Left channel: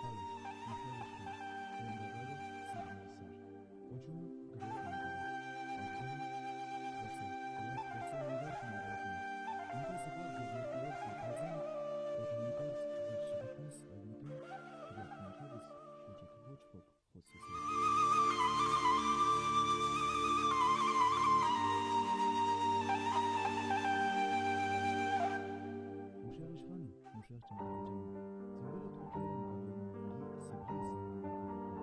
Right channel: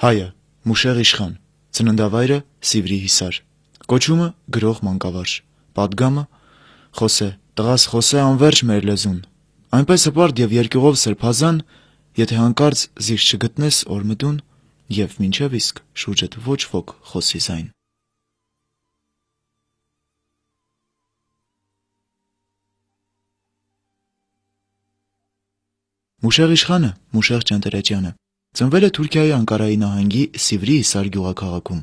Հայը Մուշեղ Իշխան, ծննդավայրը Սիվրի Հիսար, կոչումը գրող մանկավարժ, պատգամը Խոսե, տղաս Խոսե անվերջ մեր լեզուն, այնպես հպարտ եւ երկյուղով սրբազան, եթե հանկարծ զիջ չգտնես օրմտուն եւ մինչեւ իսկ շուրջդ ոչ ոք խոսի զայն։ Մուշեղ Իշխանը Մուշեղ Ճանտերեջյանը ծնվել է Թուրքիայի Անկարայի նահանգի Սիվրի Հիսար գյուղաքաղաքում։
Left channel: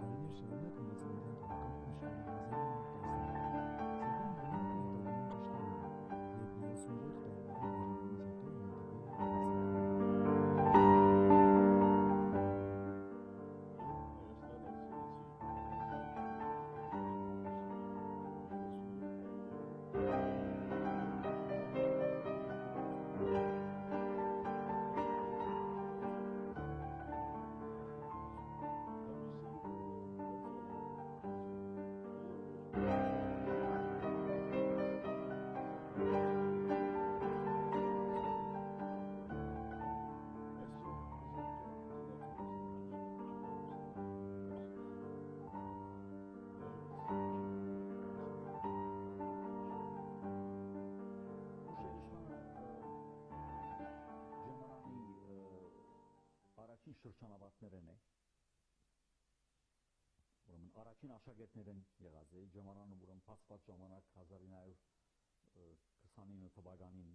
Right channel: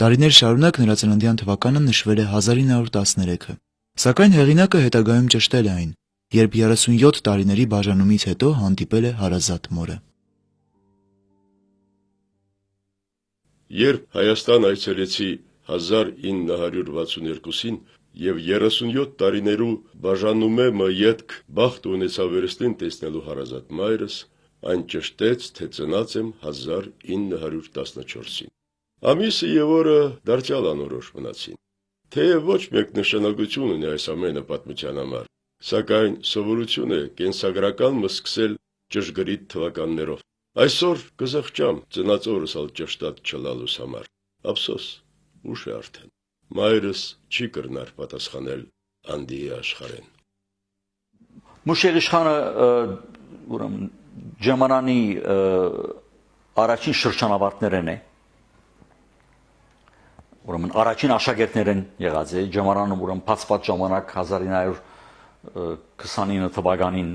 Տարիներ շարունակ նրա ծննդյան թվականը նշվել է 1913-ը, սակայն հեղինակը հետագայում ճշտել է այն, երբ 37 տարիների բաժանումից հետո հանդիպել է հարազատ մորը։ Երբ Հայաստան այցելեցի 1962-ին եւ 37 տարիներու բաժանումը յետք բախտ ունեցա վերստին տեսնելու հարազատ մայրս, այն ճշտեց, թե ծնած եմ 1914-ին։ Ամիսը եւ օրը դարձյալ անորոշ մնացին։ Թեև ոչ մեկ նշանակություն ունի այս ամենը պատմության համար, սակայն սովորություն է կենսագրական մսկսել ճշգրիտ թվականներով։ Այսօր կզղջամ ծնած օրս ալ ճշտած չլալուս համար։ Ափսոս, ուշ է արդեն։ Մայրս չի կրնար պատասխանել անդիի աշխարհեն։ Մուշեղ Իշխանը ուրեմն Ջամանանի առաջին շրջանավարտներն է, ուրեմն առաջին աշակերտներն եղած է, Ջամանանը ուրեմն բացված ժամանակ 1929 թվականին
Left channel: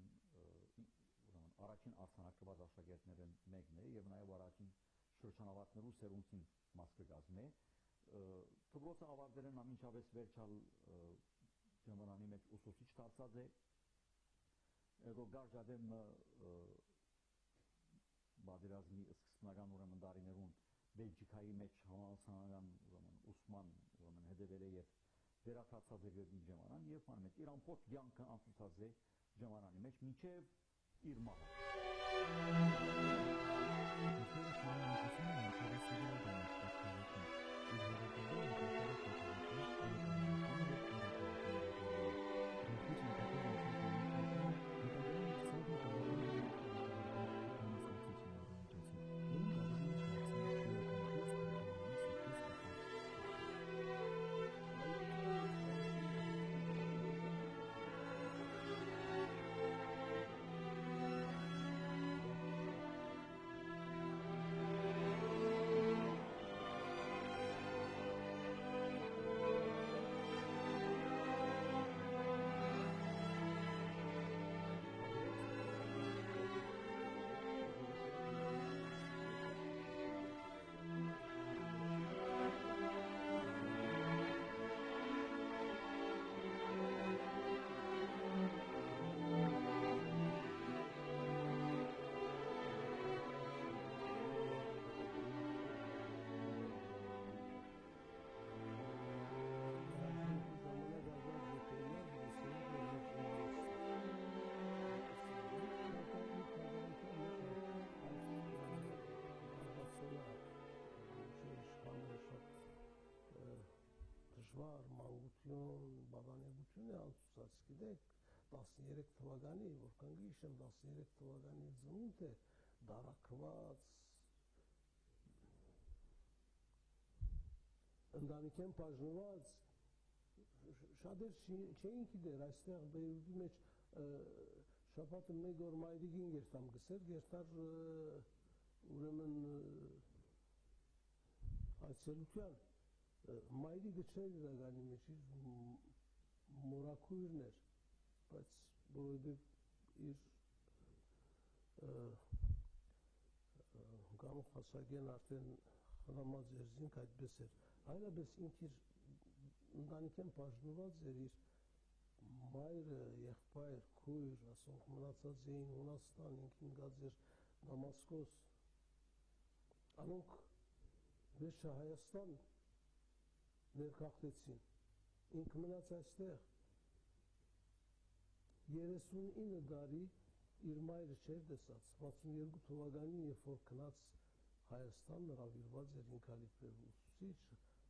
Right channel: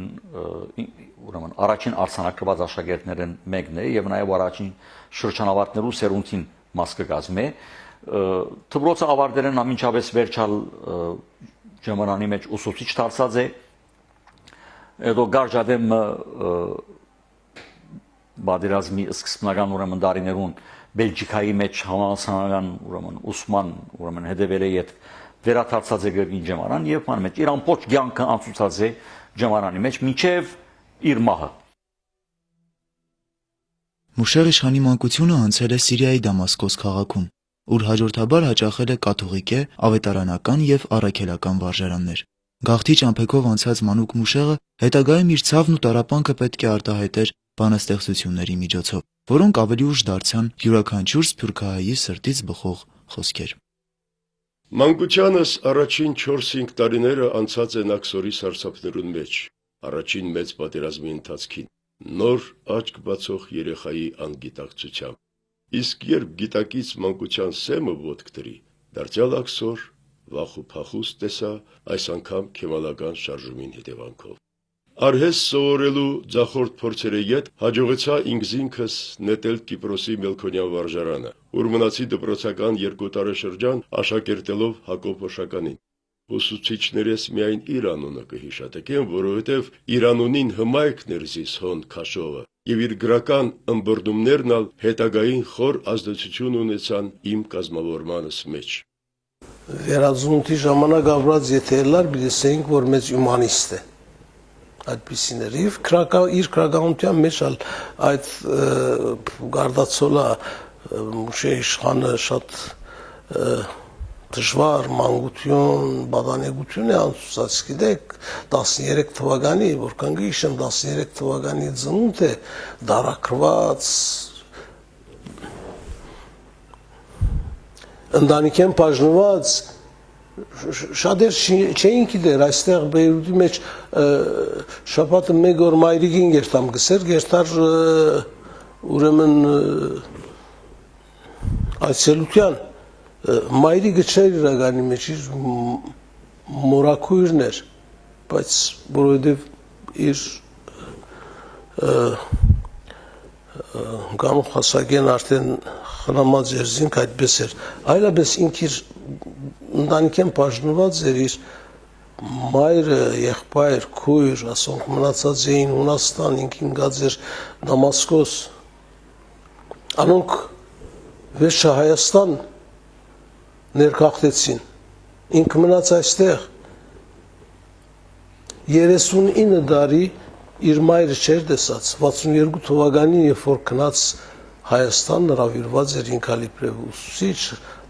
ուրեմն առաջին արձանագրված աշակերտներն մեկն է եւ նաեւ առաջին շրջանավարտներու սերունդին մաս կգազմե։ Դպրոցը ավարտելն ամենջապես վերջալ Ջամանանի մեջ ուսուցիչ դարձած է, հետո գարժադեմ Բادرազմի սկզբնական ուրեմն դարիներուն Բելգիկայի մեջ համալսարանական ուրեմն ուսման ուրեմն հետևել է իդ վերադարձած է գրքի Ջամանան եւ ման մեջ իր ամբողջ կյանքը անցուցած է Ջամանանի մեջ մինչեւ իր մահը։ Մուշեղ Իշխանի մանկությունը անցել է Սիրիայի Դամասկոս քաղաքում, ուր հաջորդաբար հաճախել է կաթողիկե, ավետարանական եւ առաքելական վարժարաններ։ Գաղթի ճամփեքով անցած մանուկ Մուշեղը հետագայում իր ցավն ու տառապանքը պետք է արտահայտեր բանաստեղծությունների միջոցով, որոնք ավելի ուշ դարձան յուրաքանչյուր սփյուռքահայի սրտից բխող խոսքեր։ Մանկությանս առաջին 4-5 տարիները անցած են աքսորի սարսափներուն մեջ, առաջին մեծ պատերազմի ընթացքին, նոր աչք բացող երեխայի անգիտակցությամբ։ Իսկ երբ գիտակից մանկության սեմը ոտք դրի, դարձյալ աքսոր վախ ու փախուստ տեսա այս անգամ քեմալական շարժումին հետևանքով։ Արհես սովորելու ձախորդ փորձերը յետ հաջողեցա ինքզինքս նետել Կիպրոսի Մելքոնյան վարժարանը, ուր մնացի դպրոցական 2 տարեշրջան աշակերտելով Հակոբ Հոշականին։ Ուսուցիչներս միայն իր անունը կհիշատակեն, որովհետև իր անունին հմայքն էր զիս հոն քաշողը, եւ իր գրական ըմբռնումներն ալ հետագային խոր ազդեցություն ունեցան իմ կազմավորմանս մեջ։ Վերածնունդի ժամանակ ապրած եթե լար բիլեսեինք, որ մեծ հյումանիստ է։ Այդպիսին էր իր քրագանության մեջ այդ գարդացոլա Մուշեղ Իշխանը շատ դժվար մանկություն, բադանեկություն է անցուցած, գիտեք, 13 թվականի, որքան գիշեմ 13 թվականի ծնունդ է, դարակրված, ընտանիքեն բաժնված, շատեր չէին գիտեր, այստեղ Բեյրութի մեջ շաբաթը մեկ օր մայրիկին գերտամ գսեր, գերտար ուրեմն այցելության մայրիկը չէր իրականի մեջ իր մորաքույրն էր, բայց որովհետև իր գանուխ հասակեն արդեն խնամած էր զինք այդպես էր, այլապես ինք իր ընտանիքեն բաժնված էր իր մայրը, եղբայր, քույր, ասոնք մնացած էին Հունաստան, ինքին գած էր Դամասկոս, անոնք վերջը Հայաստան ներքախտեցին, ինք մնաց այստեղ, 39 դարի իր մայրը չէր տեսած, 62 թվականին, երբ որ քնած Հայաստան նրավիրված էր ինքալիպրև ուսուցիչ,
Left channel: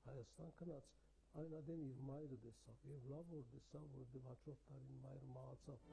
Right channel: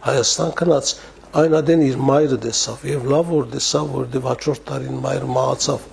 Հայաստան քնած, այն ադեն իր մայրը տեսավ, եւ լավ որ տեսավ, որովհետեւ հաջորդ տարին մայրը մահացավ։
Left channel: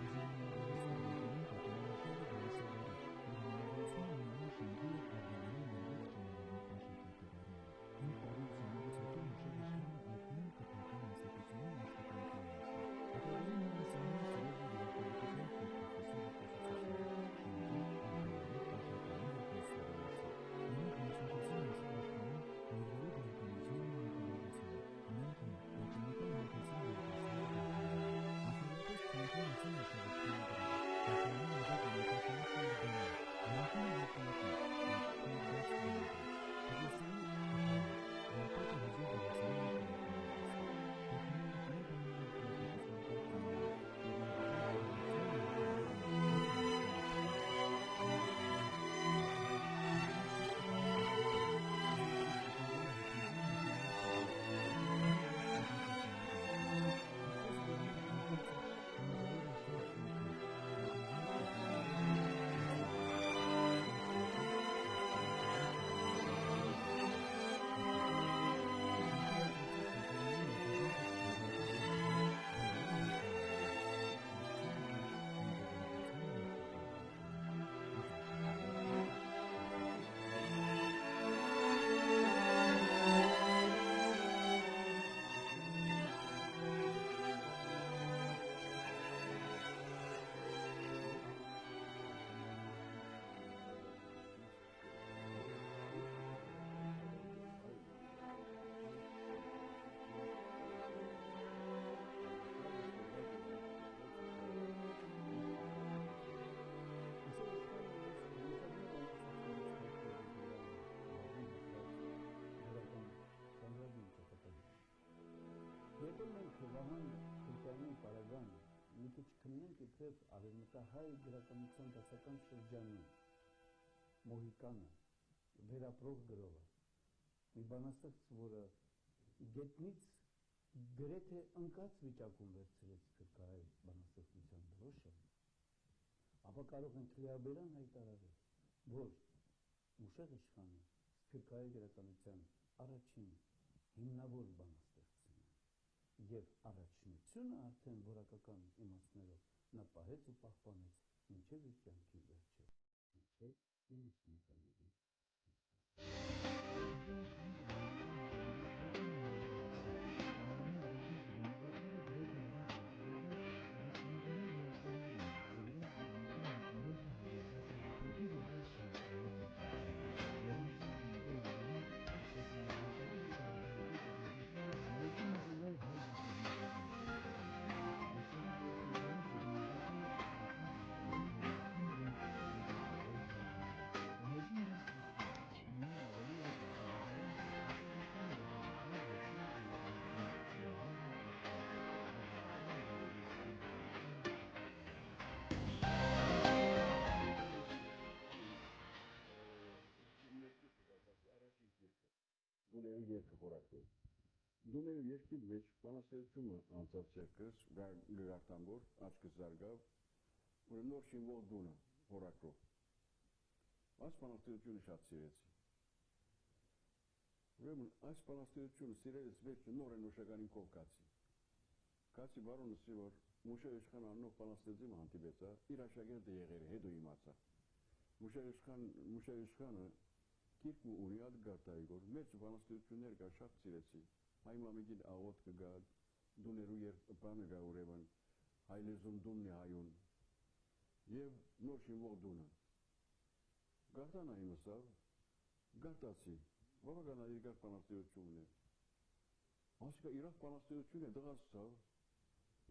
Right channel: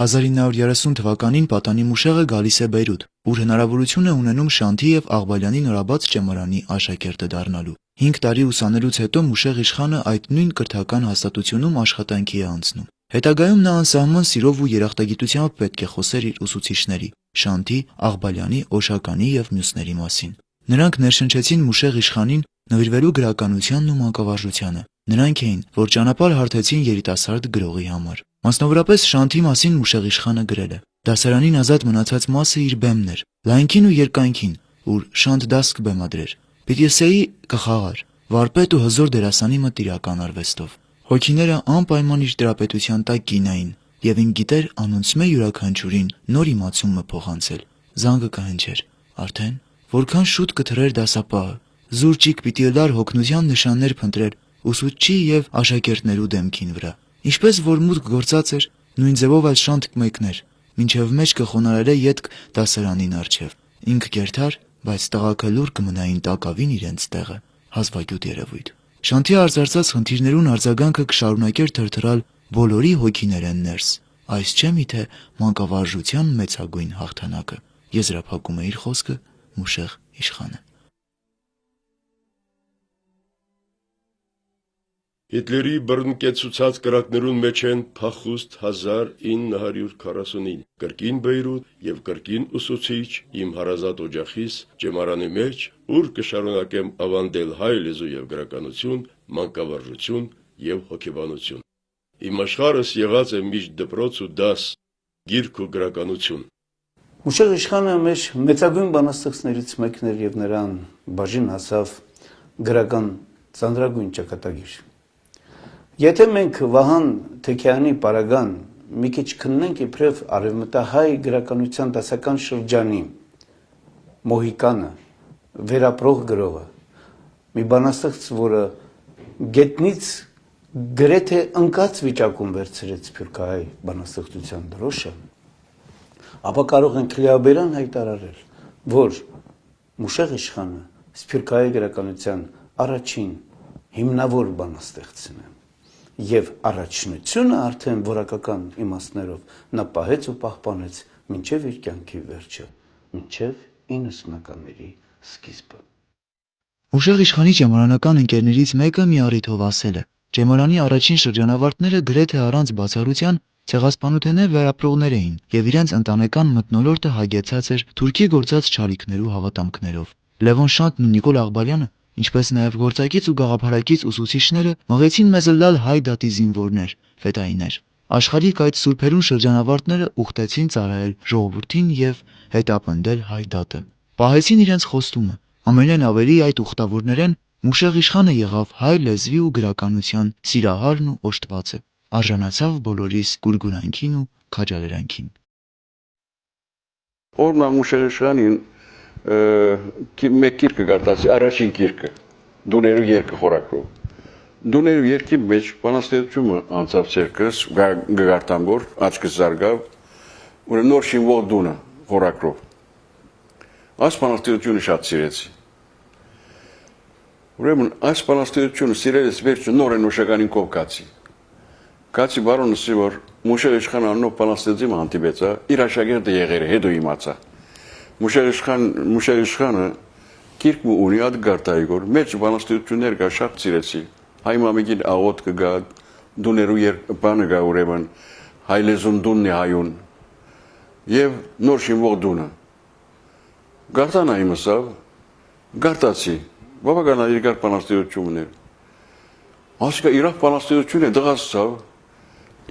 1930 թվականին պատանի Մուշեղը գալիս է Բեյրութ, ուր հնարավորություն է ունենում Շանթի եւ Աղբալյանի նորաբաց ճեմարանի աշակերտը դառնալու։ 5 տարի ուսանելուց հետո Մուշեղ իշխանը այդ նույն կրթական հաստատությունում աշխատանքի է անցնում։ Հետագայում նա անսահման սիրով ու երախտագիտությամբ պետք է խոսեր իր ուսուցիչների՝ Շանթի, Աղբալյանի, Օշականի եւ մյուսների մասին։ Նրանք ներշնչեցին Մուշեղ իշխանին նվիրվելու գրականությանն ու մանկավարժությանը։ Նրանք էին, որ ճանապարհ հարթեցին երիտասարդ գրողի համար։ Մասնավորապես Շանթի մասին Մուշեղ իշխանը գրել է. «Դասարանին ազատ մնացած մասը իր բեմն էր, լայնքին ու երկայնքին, ուր Շանթ դաս կբեմադրեր։ Պիտի ասեի կխաղար, վարպետ ու հզոր դերասանի մտ իրական արվեստով։ Հոգիները անպայման իր տրապետության տակ կինային, եւ ին գիտեր անոնցմե յուրաքանչյուրին նոր իմացումը փոխանցել։ Զանգը կհնչեր, արդեն որքան շուտ կթռեր դասապահը, զուրճիկ պիտի լար հոգնության նշաններ փնտրել ուսուցչի եւ աշակերտներու դեմքին վրա։ Ինչպես որ մուտք գործած էր, նույն ձևով այլ Շանթ կմեկներ, մինչև մեջ կխոնարհել ետք դասարանին առջև։ Ինք կերթար, բայց տղաքը լուր կմնային տակավին իրենց տեղը, հազվագյուտ երևույթ։ Շանթի արծարծած խնդիրներուն արձագանքը կշարունակեր թրթռալ բոլորի հոգիներեն ներս։ Այս չէ՞ միթե մանկավարժության մեծագույն հաղթանակը, եզրափակում է իր խոսքը Մուշեղ իշխանը։ Հիտլերի բռնկեցուցած կրակներուն մեջ են փախուստ 1945, կրկին Բեյրութ եւ կրկին ուսուցիչ իմ հարազատ օջախիս ճեմարանի մեջ, ուր կշարունակեմ ավանդել հայ լեզու եւ գրականություն, մանկավարժություն եւ հոգեբանություն։ Իմ աշխարհս եղած է միշտ դպրոց ու դաս, գիրք ու գրականություն։ Մուշեղ իշխանը մեր մեծագույն բանաստեղծներից մեկն էր եւ նրան բաժին հասավ գրական ծանրագույն ճակատագիր։ Եթե մենք Վահան Թեքյանի պարագան մի քիչ քննենք իբրև արևմտահայ գրականության դասական շրջանի Մոհիկանը, վերապրող գրողը, մի բանաստեղծ, որը գետնից գրեթե ընկած վիճակում վերցրեց սփյուռքահայ բանաստեղծության դրոշը, ապա կարող ենք լիաբերան հայտարարել, որ Մուշեղ իշխանը սփյուռքահայ գրականության առաջին հիմնավոր բանաստեղծն է։ Եվ առաջնությունը արդեն որակական իմաստներով նա պահեց ու պահպանեց մինչև իր կյանքի վերջը, մինչև 90-ականների սկիզբը։ Մուշեղ իշխանի ճեմարանական ընկերներից մեկը մի առիթով ասել է. «Ճեմարանի առաջին շրջանավարտները գրեթե առանց բացառության ցեղասպանութենե վերապրողներ էին եւ իրենց ընտանեկան մթնոլորտը հագեցած էր թուրքի գործած չարիքներու հավատամքներով։ Լևոն Շանթն ու Նիկոլ Աղբալյանը, ինչպես նաեւ գործակից ու գաղափարակից ուսուցիչները, մղեցին մեզ լալ հայ դատի զինվորներ, ֆետայիներ։ Աշխարհիկ այդ սուրբերուն շրջանավարտները ուխտեցին ծառայել ժողովրդին եւ հետապնդել հայ դատը։ Պահեցին իրենց խոստումը։ Ամենայն ավելի այդ ուխտավորներեն Մուշեղ իշխանը եղավ հայ լեզվի ու գրականության սիրահարն ու օժտվածը, արժանացավ բոլորիս գուրգուրանքին ու քաջալերանքին»։ Օրմա Մուշեղ իշխանին մեկ գիրքը գարտացի, առաջին գիրքը, Դուներու երկը խորակրով։ Դուներու երկի մեջ բանաստեղծությունը անցավ ցերկս, գարտան որ, աչքս զարգավ, ու նոր շինվող դունը խորակրով։ Այս բանաստեղծությունը շատ սիրեցի։ Ուրեմն այս բանաստեղծությունը սիրելիս վերջը նոր են Օշականին կով կացի։ Կացի բարոնսի, որ Մուշեղ իշխան աննով բանաստեղծի հանդիպեցա, իր աշակերտը եղել է, հետո իմացա։ Մուշեղ իշխանը գիրք ունի այդ գարտայի գոր, մեջ բանաստեղծություններ կա շատ սիրեցի։ Հայ մամիկին աղոտ կգա, դուներու բանը գա ուրեմն, հայ լեզուն դունն է հայուն, և նոր շինվող դունը։ Գարտան այմսավ, գարտացի, բավական երկար բանաստեղծություններ։ Ասիկա իրավ բանաստեղծություն է դղացավ,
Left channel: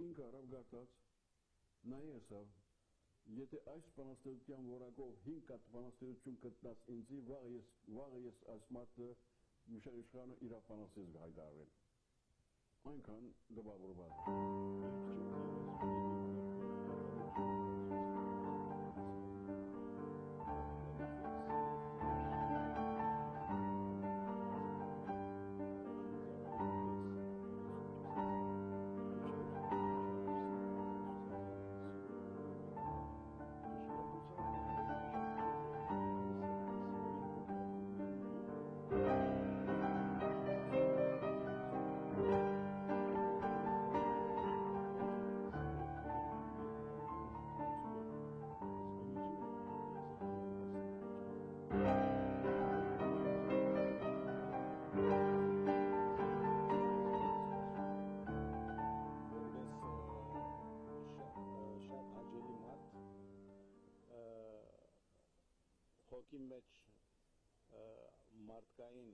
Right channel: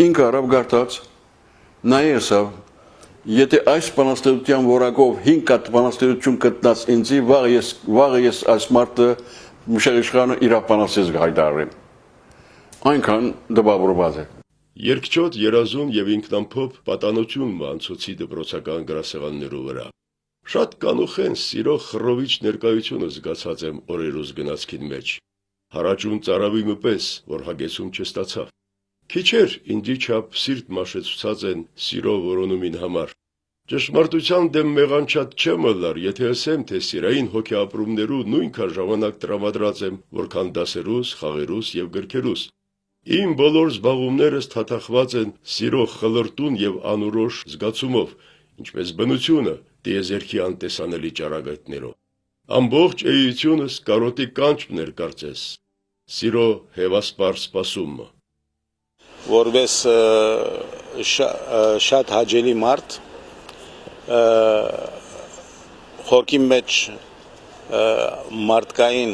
ինքը արավ գարտաց, նայեսավ, եթե այս բանաստեղծության որակով 5 հատ բանաստեղծություն գտնած ինձի, վաղ ես այս մարդը Մուշեղ իշխանը իրավ բանաստեղծ հայտարարեմ։ Այնքան դպավորված է։ Երկչոտ, երազում եւ ինքնամփոփ պատանություն մանցուցի դպրոցական գրասեղաններու վրա։ Շատ կանուխեն սիրո խռովիչ ներկայությունը զգացած եմ օրերուս գնացքին մեջ։ Հարաճուն ծարավի մպես, որ հագեցում չստացավ։ Քիչեր ինձի չափ սիրտ մաշեցուցած են սիրո որոնումին համար։ Ճշմարտության դեմ մեղանչած չեմ ըլլար, եթե ասեմ, թե սիրային հոգեապրումներու նույնքան ժամանակ տրամադրած եմ, որքան դասերուս, խաղերուս եւ գրքերուս։ Իմ բոլոր զբաղումներս թաթախված են սիրո խլրտուն եւ անորոշ զգացումով, ինչպես բնությունը դիեզերքի անտեսանելի ճառագայթներով։ Ամբողջ էությունս կարոտի կանչն էր կարծես, սիրո հեվասպար սպասումը։ Որպես շատ հաճելի մարդ, խորքի մեջ մարդկային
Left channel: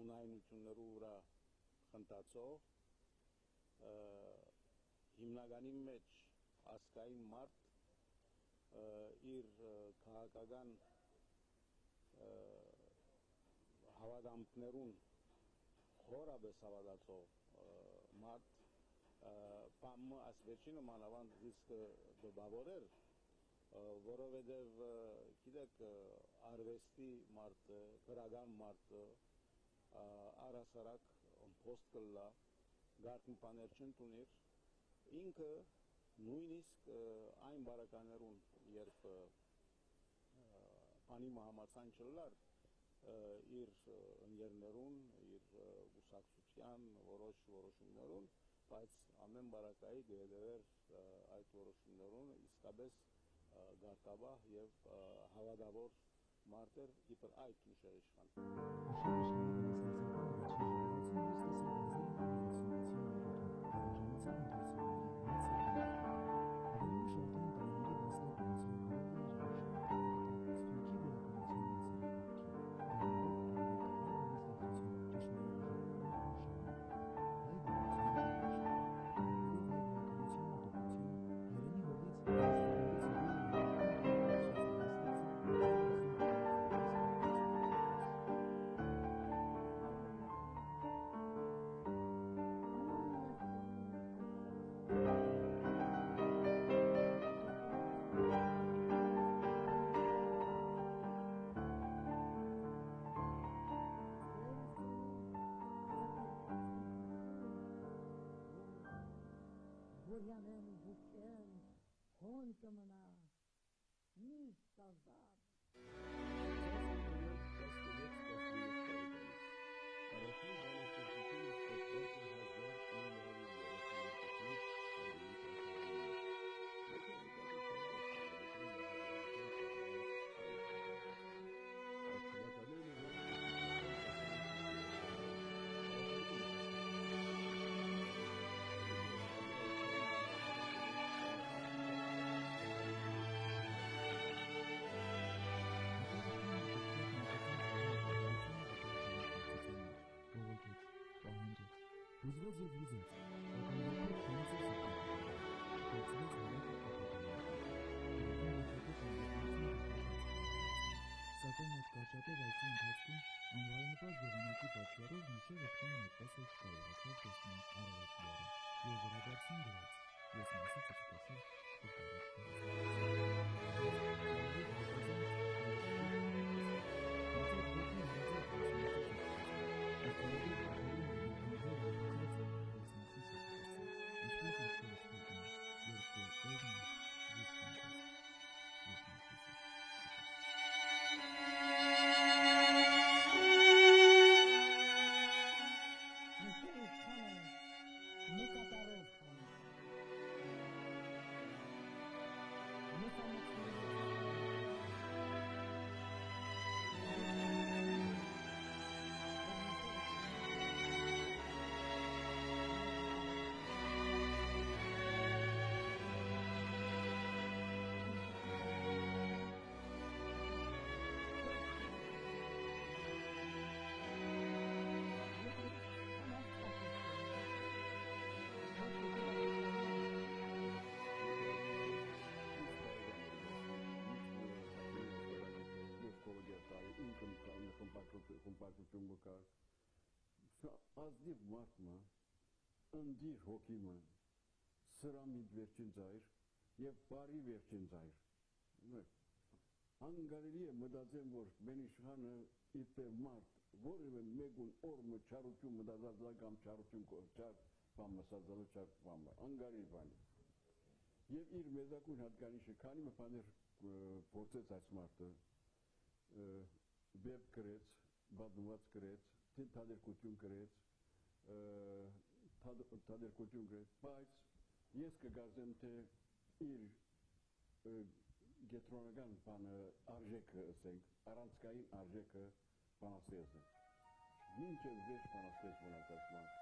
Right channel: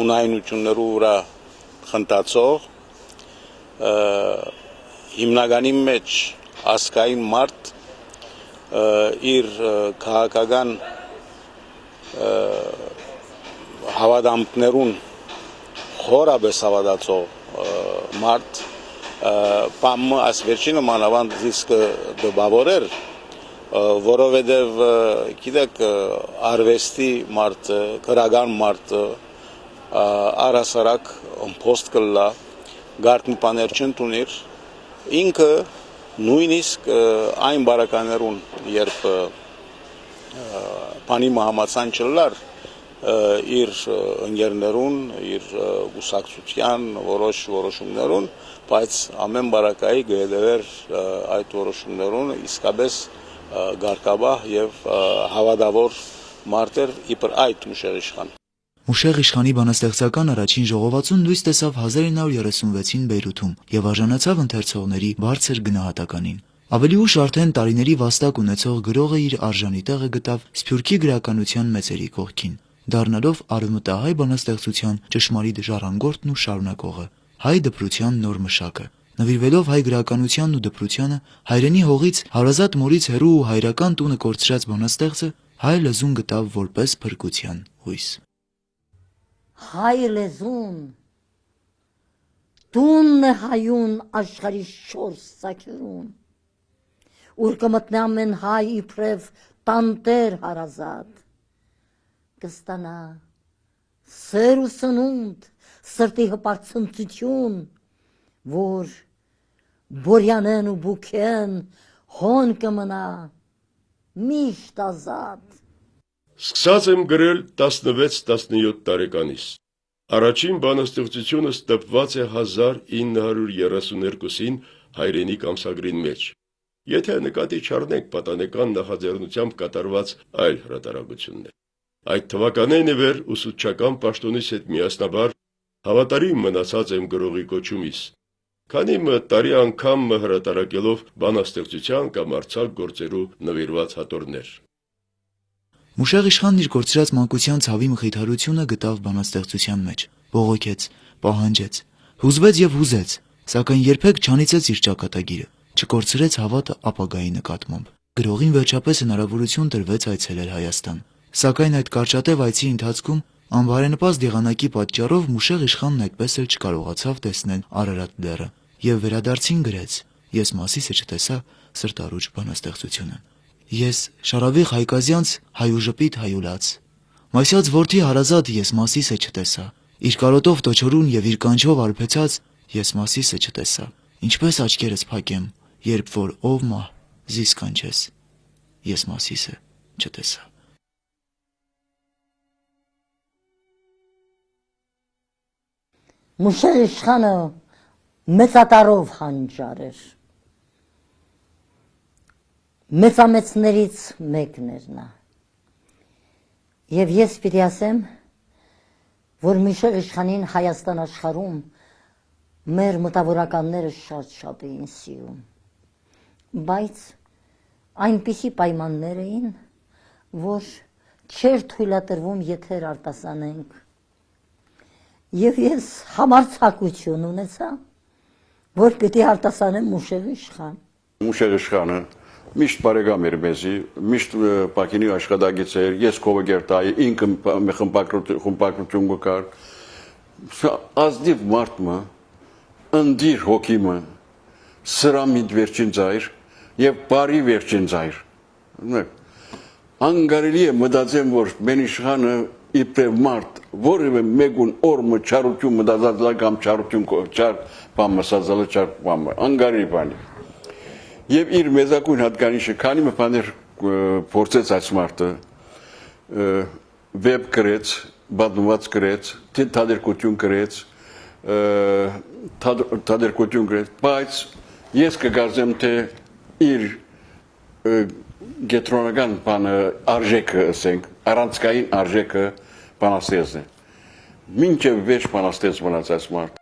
ունայնություններու վրա խնդացող, հիմնականի մեջ ասկային մարդ իր քաղաքական հավատամքներուն խորաբես հավատացող մարդ պամը այս վերջինը մանավանդ դիսկը դբավորեր, որովհետև գիտեք արվեստի մարդ, քրական մարդ առասարակ ըմփոստ կլա գարտնի բաներ չընդունիր, ինքը նույնիսկ այն բարականերուն, երբ բանի մահամացան չլար, իր ընկերներուն, իր ուսակցության որոշ որոշումներուն, բայց ամեն բարակայի գեդեր այդ որոշումներուն իսկապես գարկաբահ եւ հավատավոր մարդեր իբր այդ Մուշեղ իշխան։ Մուշեղ իշխանի բանաստեղծական առաջին ժողովածուն լույս տեսավ 1936-ին Բեյրութում եւ արժանացավ ընթերցողների բարձր գնահատականին։ Ավելի ուշ արդեն տարիների վաստակ ունեցող գրողը իր արժանի տեղը գտավ Սփյուռքի գրականության մեծերի կողքին, դառնալով արևմտահայ բանաստեղծության ճշմարիտ ժառանգորդն ու շարունակողը, հայ դպրության նոր մշակը։ Նվիրվելով հայ գրականությանն ու դպրությանը, հայրենի հողից հարազատ մորից հեռու ու հայրական տունը կորցրած բանաստեղծը հայ լեզուն գտավ որպես փրկության հույս։ Հայ լեզուն տունն է հայուն աշխարհի շորս սակինում, ուր կմտնի ամեն հայ իբրև տանտեր հարազատ, կստանա սեր ու սնունդ, սրտի հպարծնծություն, որ բորյանեն ու բուքեն հոն կմնա միշտ ազատ։ Սկսած եմ գրել 16-17 տարեկանից։ Առաջին բանաստեղծությունս տպված է 1932-ին հայրենիք ամսագրին մեջ։ Եթե նկատի չառնենք պատանեկան նախաձեռնությամբ կատարված այլ հրատարակություններ։ Այդ թվականին ի վեր ուսուցչական պաշտոնից հետ միասնաբար հավատարիմ մնացած եմ գրողի կոչումից, քանի տարի անգամ հրատարակելով բանաստեղծության կամ արձակ գործերու նվիրված հատորներ։ Մուշեղ իշխանն իր կորցրած մանկության ցավի մխիթարությունը գտավ բանաստեղծության մեջ, բողոքեց, պահանջեց, հուզվեց եւ հուզեց, սակայն երբեք չանիծեց իր ճակատագիրը, չկորցրեց հավատը ապագայի նկատմամբ։ Գրողին վերջապես հնարավորություն տրվեց այցելել Հայաստան, սակայն այդ կարճատև այցի ընթացքում անբարենպաստ եղանակի պատճառով Մուշեղ իշխանն այդպես էլ չկարողացավ տեսնել Արարատ լեռը եւ վերադարձին գրեց. Ես Մասիսը չտեսա սրտարուճ բանաստեղծությունը։ Ես Շարավիղ Հայկազյանց հայուժպիտ հայուլաց, Մասյաց որդի հարազատ ես Մասիսը չտեսա, իր կարոտով տոչորուն եւ իր կանչով արբեցած ես Մասիսը չտեսա, ինչպես աչքերս փակեմ, երբ որ ով մահ զիս կանչես, ես Մասիսը չտեսա։ Մուշեղ իշխանը մեծատարով հանճար էր, մեծամեծներից մեկն էր նա, և ես պիտի ասեմ, որ Մուշեղ իշխանին Հայաստան աշխարհում մեր մտավորականները շատ էին սիրում, բայց այնպիսի պայմաններ էին, որ չէր թույլատրվում եթեր արտասանենք, և ես համարձակություն ունեցա, որ պիտի արտասանեմ Մուշեղ իշխան։ Մուշեղ իշխանը միշտ բարեկամ էր մեզի, միշտ Պակինի աշխատագից էր, ես կովգերտայի, ինքը խմպակրություն գկար, ազդիվ մարդմը, ընդիր հոգիմը, սրամիտ վերջին ձայր և բարի վերջին ձայր։ Անգարելի է մտածեմ, որ մեն իշխանը իբրև մարդ, որևէ մեկուն օրմը չարություն մտածածլա կամ չարություն չար բամը սազալը չար բամը, անգարի բանի։ Եվ իր մեզակույն հատկանիշը, քանի մը բաներ փորձեց այս մարդը, վեբ գրեց, բադնված գրեց, թադերկություն գրեց, թադերկություն գրեց, բայց ես կգարձեմ, թե իր գետրոնական բանը արժեքը, ասենք, առանցքային արժեքը բանաստեղծն է։ Մինչև վերջ բանաստեղծ մնացած մարդ։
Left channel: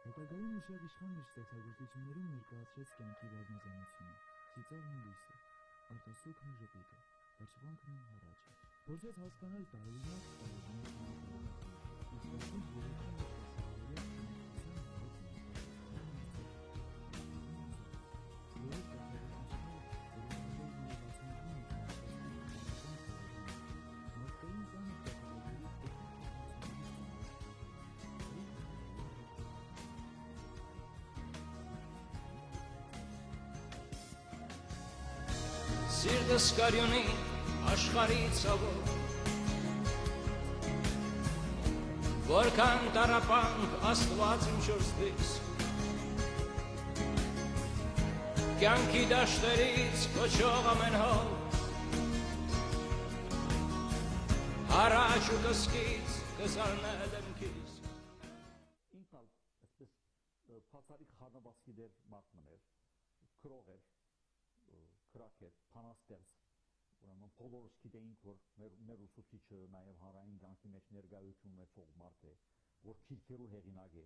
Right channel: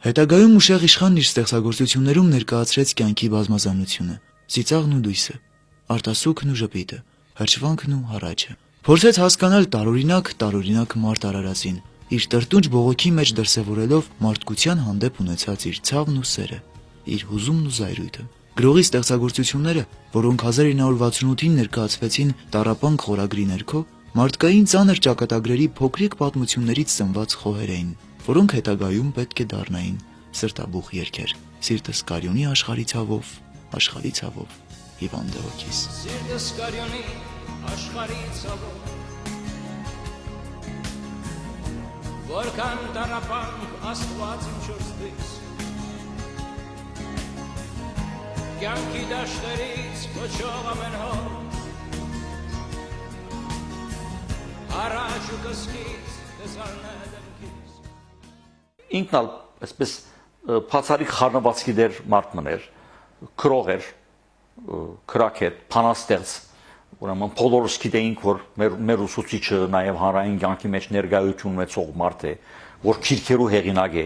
Հետագայում Մուշեղ իշխանն իր ստեղծագործություններում ներկայացրեց կյանքի բազմազանությունը՝ ծիծաղն ու լույսը, արտասուքն ու ժպիտը, հրճվանքն ու հառաչը։ Փորձեց հասկանալ տարօրինակ մարդ Արարածին, իր տրտունջ բողոքի մեջ դրսևորելով մարդկության հանդեպ ունեցած իր ցավն ու սերը, իր հուզումն ու զայրույթը։ Գրողի ստեղծագործությունները, որոնք 1968-ին ներկայացվեցին Տառապանք խորագրի ներքո, մարդկային ծանր ճակատագրերի փոքրիկ պատմություններից ծնված խոհեր էին, որոնք հետագայում պետք է դառնային սրտաբուխ երգեր։ Սիրտս կարյունի աշխարհի ցավով, հիվանդ է ոգիս։ Սիրտս կարյունի աշխարհի ցավով, որքան տառապանք Աստված իմ չորսդից, կյանքի դաշտերից կոչող ամեն հոր, հարաճ ու կսկից կզարնե դեմքից։ Ինքն ալ այսպես բացառիկ խառնվածքի դեր մարդ մներ, քրող էր, քրակետ, փանաստեղծ, ուրեմն բոլորս գիտեինք, որ մեր ուսուցիչը նաև հանրային կյանքի մեջ ներկայություն ունեցող մարդ է, որ քիրքերու հեղինակ է,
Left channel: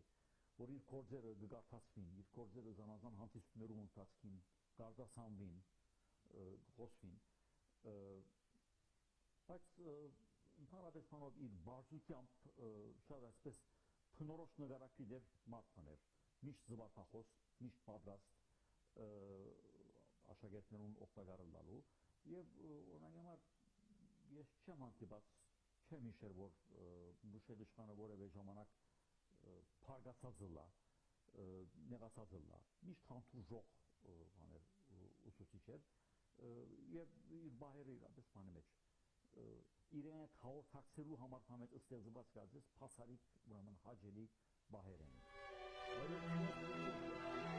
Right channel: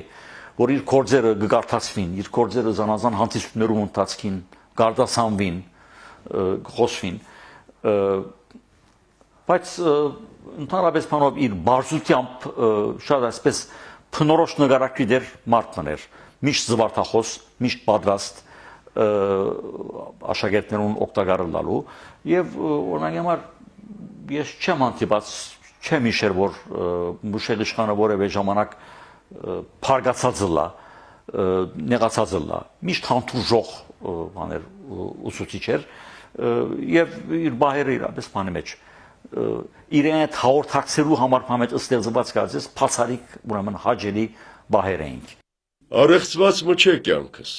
որ իր գործերը կգարթացվին, իր գործերը զանազան հանդիսություններում ընթացքին, գարդասանվին, խոսվին, բայց ընդհանրապես բանով իր բարձությամբ շատ այսպես փնորոշ նկարակի դեր մարդ մներ, միշտ զվարթախոս, միշտ պատրաստ աշակերտներուն օգտակար լալու եւ օրինակ համար ես չեմ հանդիպած, չեմ հիշեր, որ Մուշեղ իշխանը որևէ ժամանակ փարգացած լա, նեղացած լա, միշտ հանդուրժող բաներ ուսուցիչ էր եւ իր բահերը իրապես բանի մեջ իրեն այդ հաղորդակցելու համար համեջ ստեղծված գազես փացարիկ ուրեմն հաջելի բահեր էինք։ Արեղծված մչե կյանքս,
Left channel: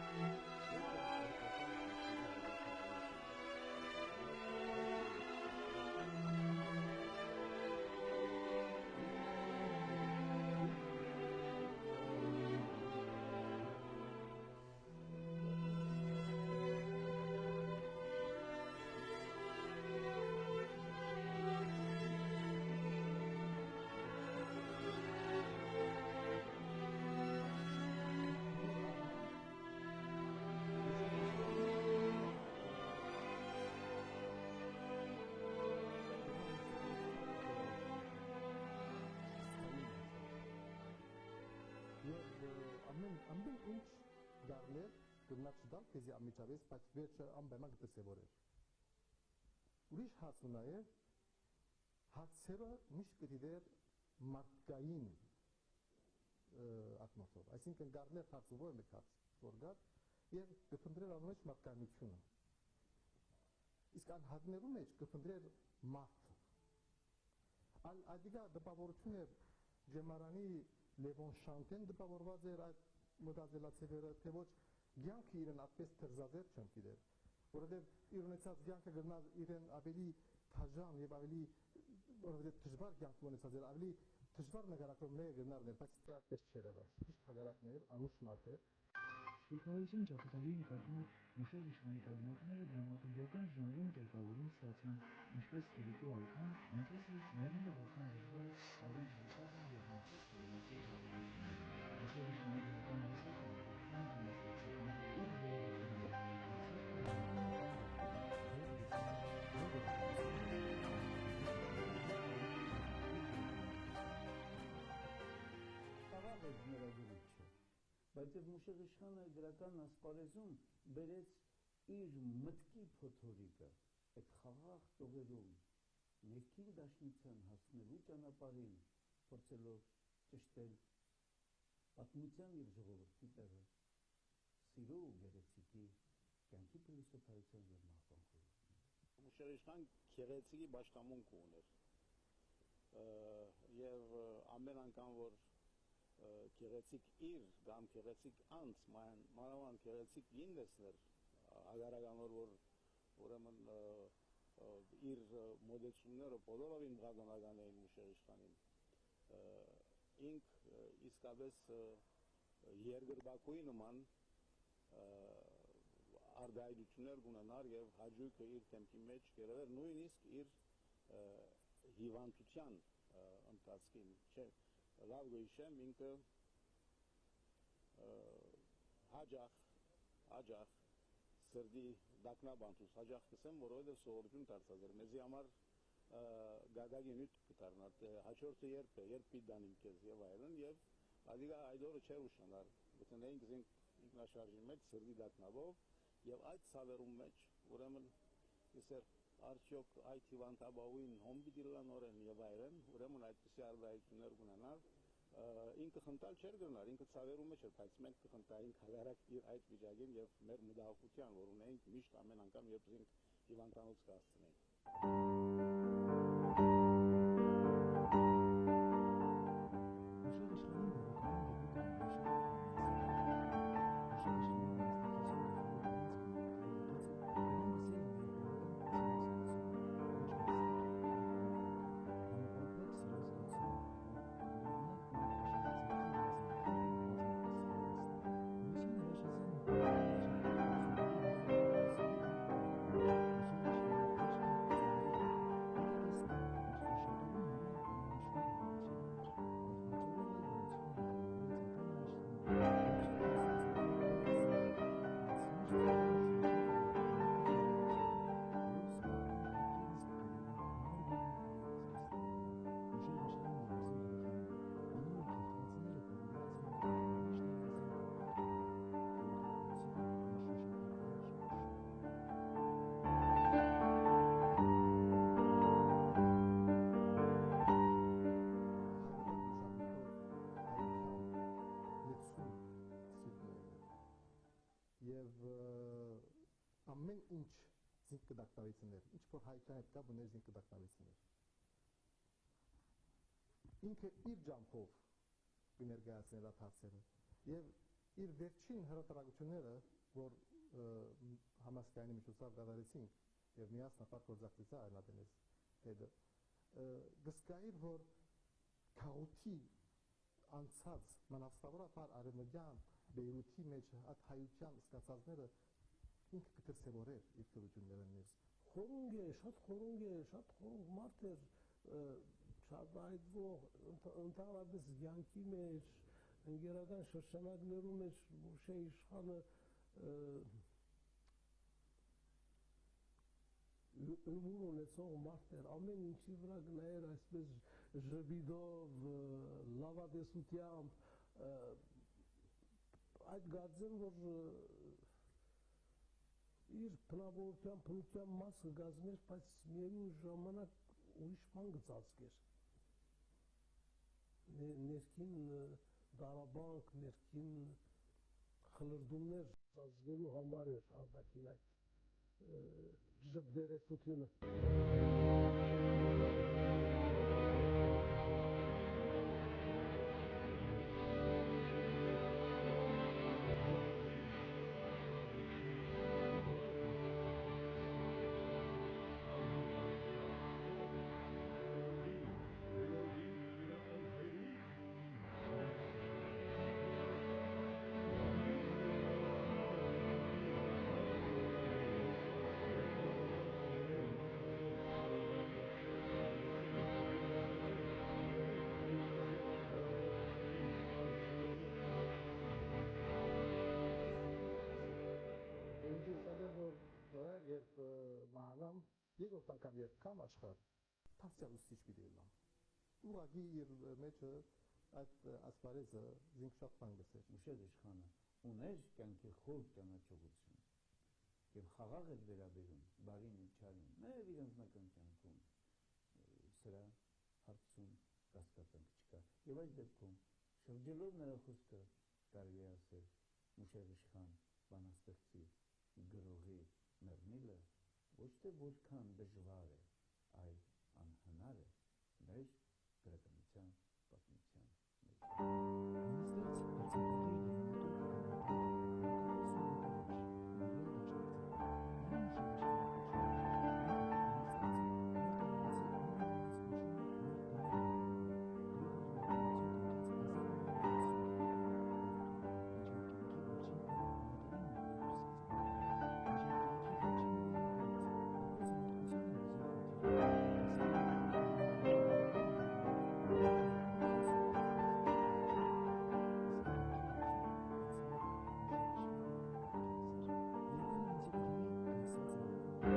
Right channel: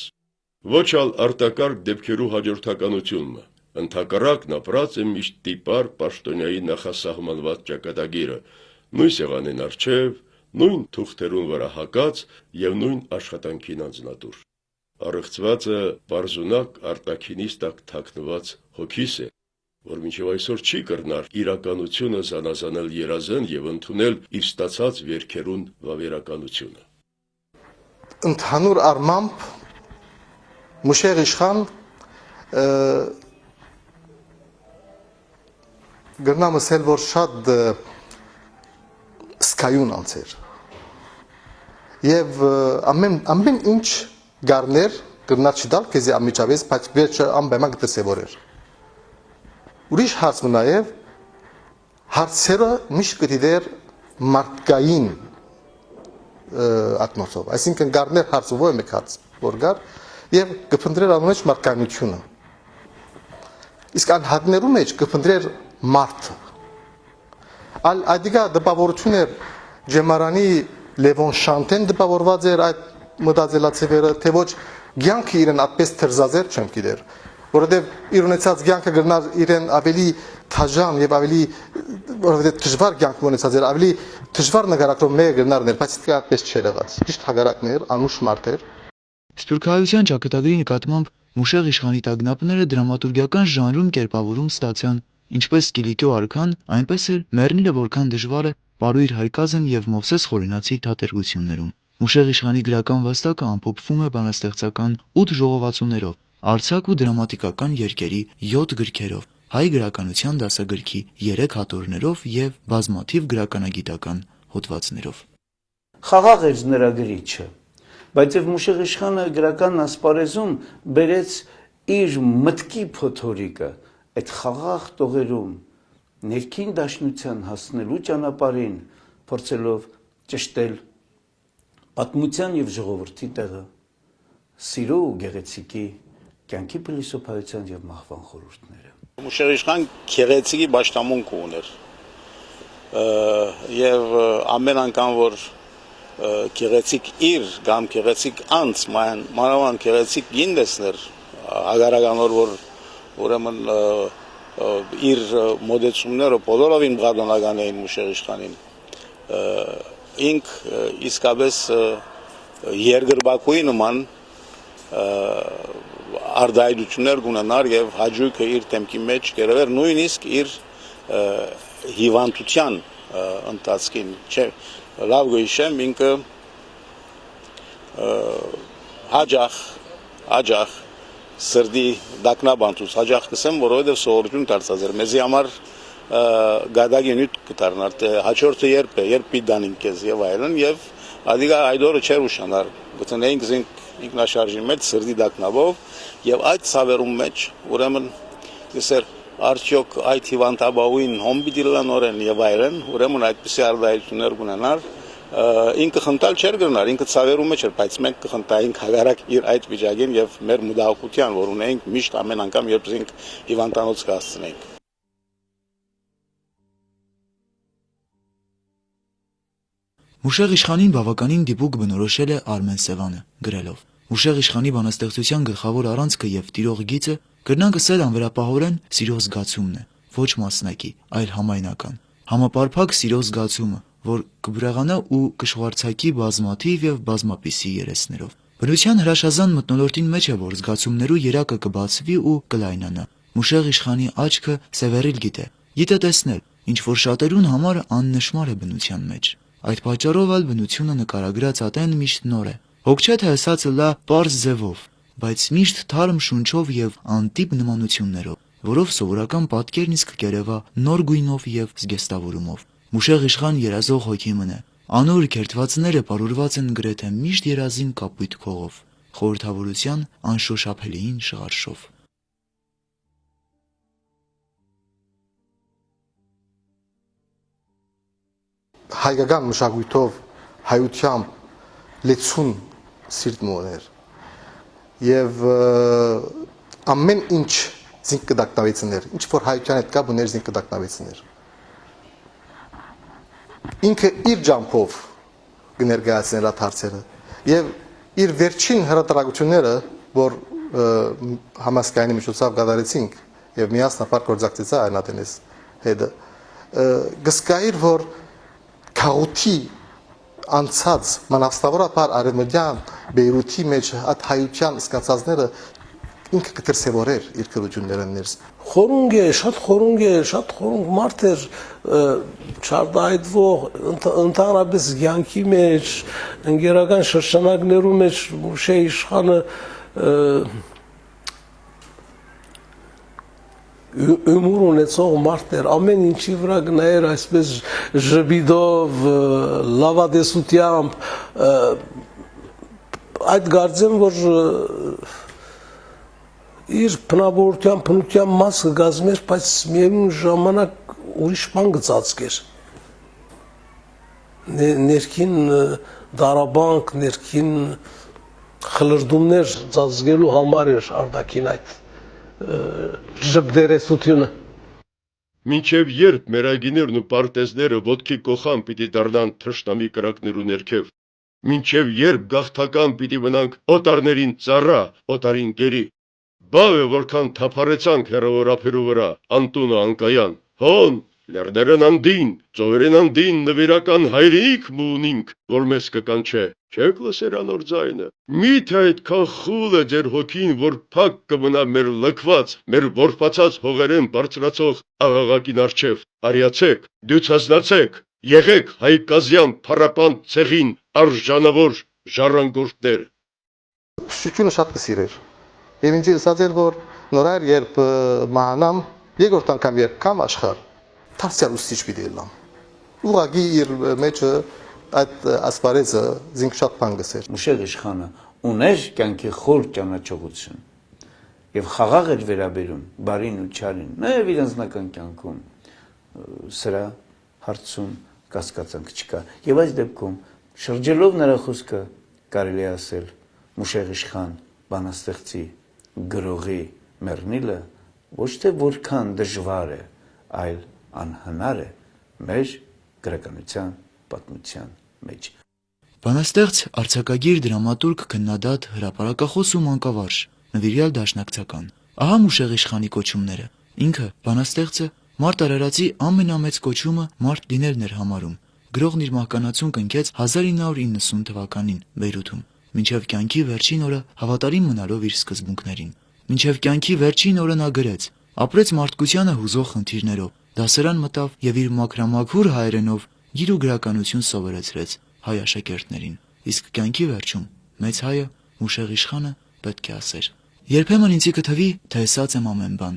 ոչ ալ արտակարգ դեպքերու հաջորդականությունը, ընդհակառակն ապրած է միշտ տիպար պաշտոնյայի նախասահմանված ճակատագիրը, նույն սեղանին առջև, նույն թուղթերուն վրա հակած եւ նույն աշխատանքին անձնատուր։ Արեղծվածը բարձունակ արտաքինից տակ թաքնված հոգիս է, որ մինչև այսօր չի կրնար իրականությունը զանազանել երազեն եւ ընդունել իր ստացած վերքերուն վավերականությունը։ Ընդհանուր առմամբ Մուշեղ իշխան գրնամ ասել, որ շատ սկայուն անձեր եւ ամեն ինչ գարներ գրնար չդալ քեզի ամիջավես, բայց վերջը ամբեմա գտեսեվորեր։ Ուրիշ հարց մը նաեւ հարցերը միշտ կդիդեր մարդկային ակնոցով, այսինքն գարներ հարցը ո՞ր մեկ հարց որ գար եւ կփնտրեր անունեջ մարդկայնությունը։ Իսկ անհատներու մեջ կփնտրեր մարդը։ Այդիկա դպավորություն էր Ջեմարանի Լևոն Շանտեն դպավորված էր այդ մտածելացևերը, թե ոչ կյանքը իրեն այդպես թրզազեր չեմ գիտեր, որովհետև իր ունեցած կյանքը գրնար իրեն ավելի թաժան եւ ավելի որովհետև դժվար կյանք ունեցած էր, ավելի դժվար նկարագրով մեկը գրնարներ, բայց դա այդպես չէր եղած։ Ճիշտ հագարակներ, անուշ մարդ էր։ Սփյուռքահայության ճակատագրի նկատմամբ Մուշեղ իշխանի տագնապները դրամատուրգիական ժանրում կերպավորում ստացան, ինչպես Կիլիկիո արքան, այնպես էլ Մեռնիլը որքան դժվար է Պարույր Հայկազն եւ Մովսես Խորենացի թատերգություններում։ Մուշեղ իշխանի գրական վաստակը ամփոփվում է բանաստեղծական 8 ժողովածուներով, արձակ ու դրամատիկական երկերի 7 գրքերով, հայ գրականության դասագրքի 3 հատորներով եւ բազմաթիվ գրականագիտական հոդվածներով։ Խաղաղ էր նրա գրիչը, բայց եւ Մուշեղ իշխանը գրական ասպարեզում բերեց իր մտքի փոթորիկը այդ խաղաղ տողերում ներքին դաշնության հասնելու ճանապարհին փորձելով ճշտել պատմության եւ ժողովրդի տեղը, սիրո ու գեղեցիկի կյանքի փիլիսոփայության եւ մահվան խորհուրդները։ Մուշեղ իշխան գեղեցիկի պաշտամունք ուներ եւ ամեն անգամ որ գեղեցիկ իր կամ գեղեցիկ անց մանավանդ գեղեցիկ գինդեսներ ագարականոր որ ուրեմն իր մոդեցումները բոլորովին բաղանական էին Մուշեղ իշխանին ինք իսկապես երկրպագուի նման արդայություններ կունենար եւ հաջողքը իր թեմքի մեջ կերևեր նույնիսկ իր հիվանդության ընթացքին չէ լավ գույշեմ ինքը հաջող սրդի դակնաբանտուց հաջող կսեմ որովհետեւ սովորություն դարձած էր մեզի համար գադագի նյութ կդառնար թե հաջորդը երբ պիտանին քեզ եւ այլն եւ ադիգա այդորը չեր ուշանար գտնեինք զինք ինքնաշարժի մեջ սրդի դակնաբով եւ այդ ցավերում մեջ ուրեմն դեսեր արդյոք այդ հիվանդաբավին հոմբիդիլա նորեն եւ այլն ուրեմն այդպիսի արդայություններ կունենար ինքը խնդալ չէր գնար ինքը ցավերում մեջ էր բայց մենք կխնդայինք հագարակ իր այդ վիճակին եւ մեր մտահոգության որ ունենք միշտ ամեն անգամ երբ զինք հիվանդանոց կհասցնենք Մուշեղ իշխանին բավականին դիպուկ բնորոշել է Արմեն Սևանը, գրելով. Մուշեղ իշխանի բանաստեղծության գլխավոր առանցքը եւ տիրող գիծը կրնանք ասել անվերապահորեն սիրո զգացումն է, ոչ մասնակի, այլ համայնական։ Համապարփակ սիրո զգացումը, որ կբրեղանա ու կշվարցակի բազմաթիվ եւ բազմապիսի երեսներով։ Բնության հրաշազան մթնոլորտին մեջ է, որ զգացումներու երակը կբացվի ու կլայնանա։ Մուշեղ իշխանի աչքը սևեռիլ գիտե տեսնել, ինչ որ շատերուն համար աննշմար է բնության մեջ։ Այդ պատճառով ալ բնությունը նկարագրած ատեն միշտ նոր է։ Հոգ չէ թե ասածը լա պարզ ձևով, բայց միշտ թարմ շունչով եւ անտիպ նմանություններով, որով սովորական պատկերն իսկ կերևա նոր գույնով եւ զգեստավորումով։ Մուշեղ իշխան երազող հոգի մնե։ Անոր քերթվածները պարուրված են գրեթե միշտ երազին կապույտ քողով, խորհրդավորության անշոշափելիին շղարշով։ Հայկական մշակույթով հայությամբ լեցուն սիրտն ուներ եւ ամեն ինչ զինք կդակնավեցներ ինչ որ հայության հետ կա բներ զինք կդակնավեցներ ինքը իր ջամփով կներկայացներ այդ հարցերը եւ իր վերջին հրատարակությունները որ համասկայանի միջոցով կատարեցինք եւ միասնապար գործակցեցա այնատենես հետը գսկայր որ քաղուտի անցած մանավստավորապես արևմտյան Բեյրութի մեջ այդ հայության սկացածները ինքը կտրսևորեր իր քրությունները ներս խորունգ է շատ խորունգ մարդ էր չարդայդվող ընդհանրապես յանքի մեջ ընկերական շրջանակներում մեջ Մուշե իշխանը ումուր ունեցող մարդներ ամեն ինչի վրա գնայր այսպես ժբիդով լավադեսությամբ այդ գարձեմ որ իր բնավորության մասը գազմեր բայց միևնույն ժամանակ ուրիշ բան գծածկեր ներքին դարաբանք ներքին խլրդումներ ծածկելու համար էր արդակին այդ ժբդերեսությունը Մինչև երբ մերագիներն ու պարտեզները ոտքի կողան պիտի դառնան թշնամի կրակներու ներքև, մինչև երբ գաղթական պիտի մնանք օտարներին ծառա, օտարին գերի, բավ է որքան թափարեցանք հեռավորափերու վրա, անտունը անկայան, հոն, լերներն անդին, ծովերեն անդին նվիրական հայրիկ մունինք, որ մեզ կկանչե, չեք լսեր անոր ձայնը, միթե այդքան խուլ է ձեր հոգին, որ փակ կմնա մեր լքված, մեր որփացած հողերեն բարձրացող աղաղակին արջև, արիացեք, դյուցազնացեք, եղեք հայկազյան փառապան ցեղին արժանավոր ժառանգորդներ։ Շուչունը շատ կսիրեր եւ ինձ ասած էր որ նորայր երբ մահանամ երկրորդ անգամ երբ կամ աշխարհ Թարսյալ ուսիչ պիտի լամ ուղղակի իր մեջը այդ ասպարեզը զինք շատ բան գսեր Մուշեղ իշխանը ուներ կյանքի խոր ճանաչողություն եւ խաղաղ էր վերաբերում բարին ու չարին նաեւ իր անձնական կյանքում սրա հարցում կասկածանք չկա եւ այս դեպքում շրջելով նրա խոսքը կարելի է ասել Մուշեղ իշխան բանաստեղծի գրողի մեռնիլը ոչ թե որքան դժվար է այլ անհնար է մեր գրականության պատմության մեջ Բանաստեղծ արձակագիր դրամատուրգ քննադատ հրապարակախոս ու մանկավարժ նվիրյալ դաշնակցական ահա Մուշեղ իշխանի կոչումները ինքը բանաստեղծը մարդ արարածի ամենամեծ կոչումը մարդ լինելն էր համարում գրողն իր մահկանացուն կնքեց 1990 թվականին Բեյրութում, մինչև կյանքի վերջին օրը հավատարիմ մնալով իր սկզբունքներին։ Մինչև կյանքի վերջին օրը նա գրեց. ապրեց մարդկությանը հուզող խնդիրներով, դասարան մտավ եւ իր մաքրամաքուր հայերենով գիր ու գրականություն սովորեցրեց հայ աշակերտներին։ Իսկ կյանքի վերջում մեծ հայը Մուշեղ իշխանը պետք է ասեր. երբեմն ինձի կթվի, թե ասած եմ ամեն բան,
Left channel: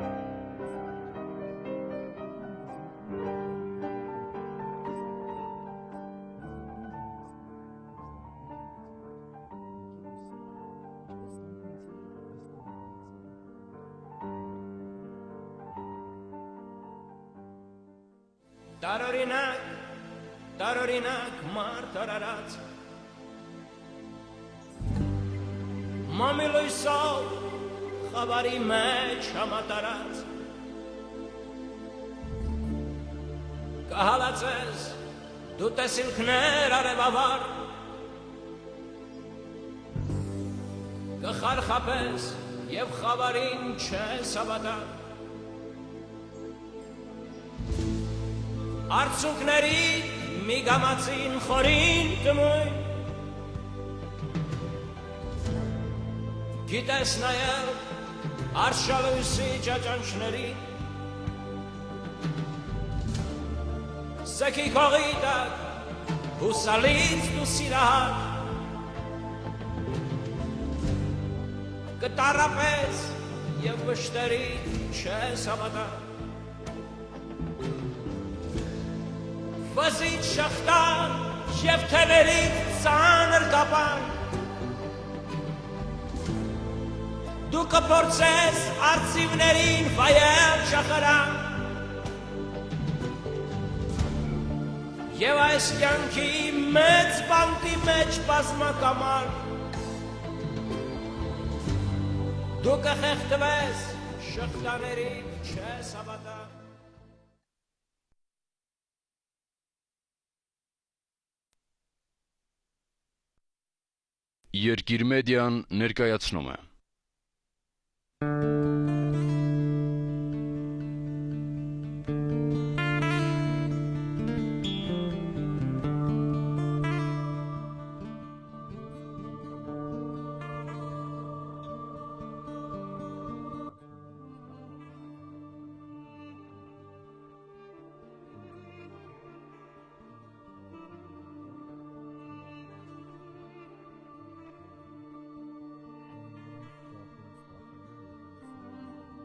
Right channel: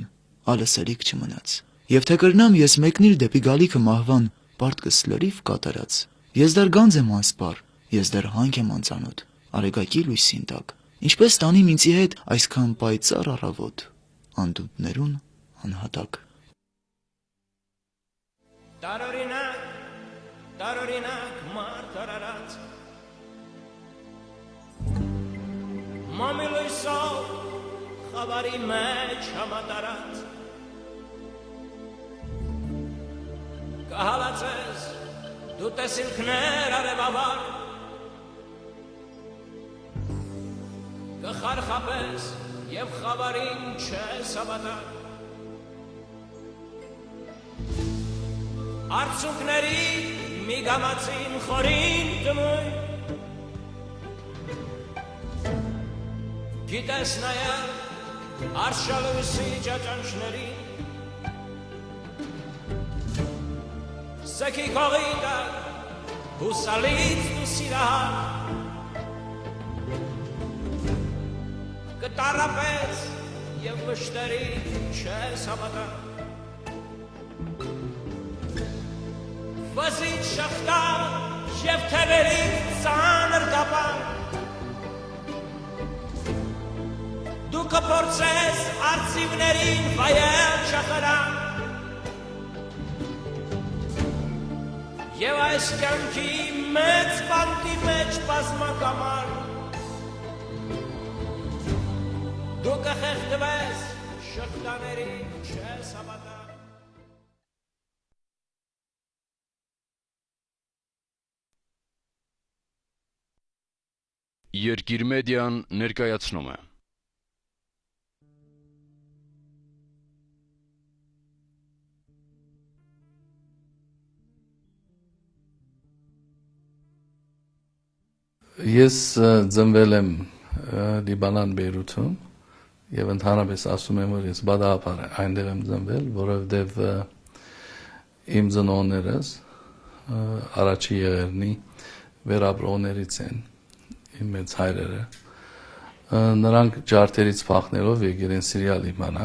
ալսելիք չմնաց։ Եվ թե կրնամ ես մեկնիր դեպի գալիքը մահվան, պարտքս լրիվ կատարած։ Ես դեռ գանձ եմ անսպար, ես դեռ հանք եմ անծանոթ, արեգակի լույսին տակ։ Ինչպես տանիմ ինձի հետ այսքան պայծառ առավոտ, անդունդներուն անհատակ։ Տարօրինակ մարդ արարած Մամիլույսով խավարի մեջ համատարած Կահալացես դու տեսիլքներ արևավար Կխարխապես և խավարին չես հավատար Արցունքների մի գամացին խորին կմույն Գիտես նայել արշալույսի ճաճանչներին Սեքի կողի տակ հուսալից դու սիրահար Կտարապես և վշտերի չես հավատար Վզից շղթան և թևերից ծանր կապան Դու կփորձես արծիվներին վայել չախրան Եվ այս կյանքի մեծ բանտի մեջ բազմակամար Դու կխեղդվես շղթաներին չես հավատար Երկիր մեդիան ներկայացնում է Ես ծնվել եմ Լիբանան Բեյրութում եւ ընդհանրապես ասում եմ, որ ես բադահապար այնտեղ եմ ծնվել, որովհետեւ իմ ծնողներս առաջի եղերնի վերապրողներից են, իմ մեծ հայրերը։ Նրանք ջարդերից փախնելով եկել են Սիրիա Լիբանան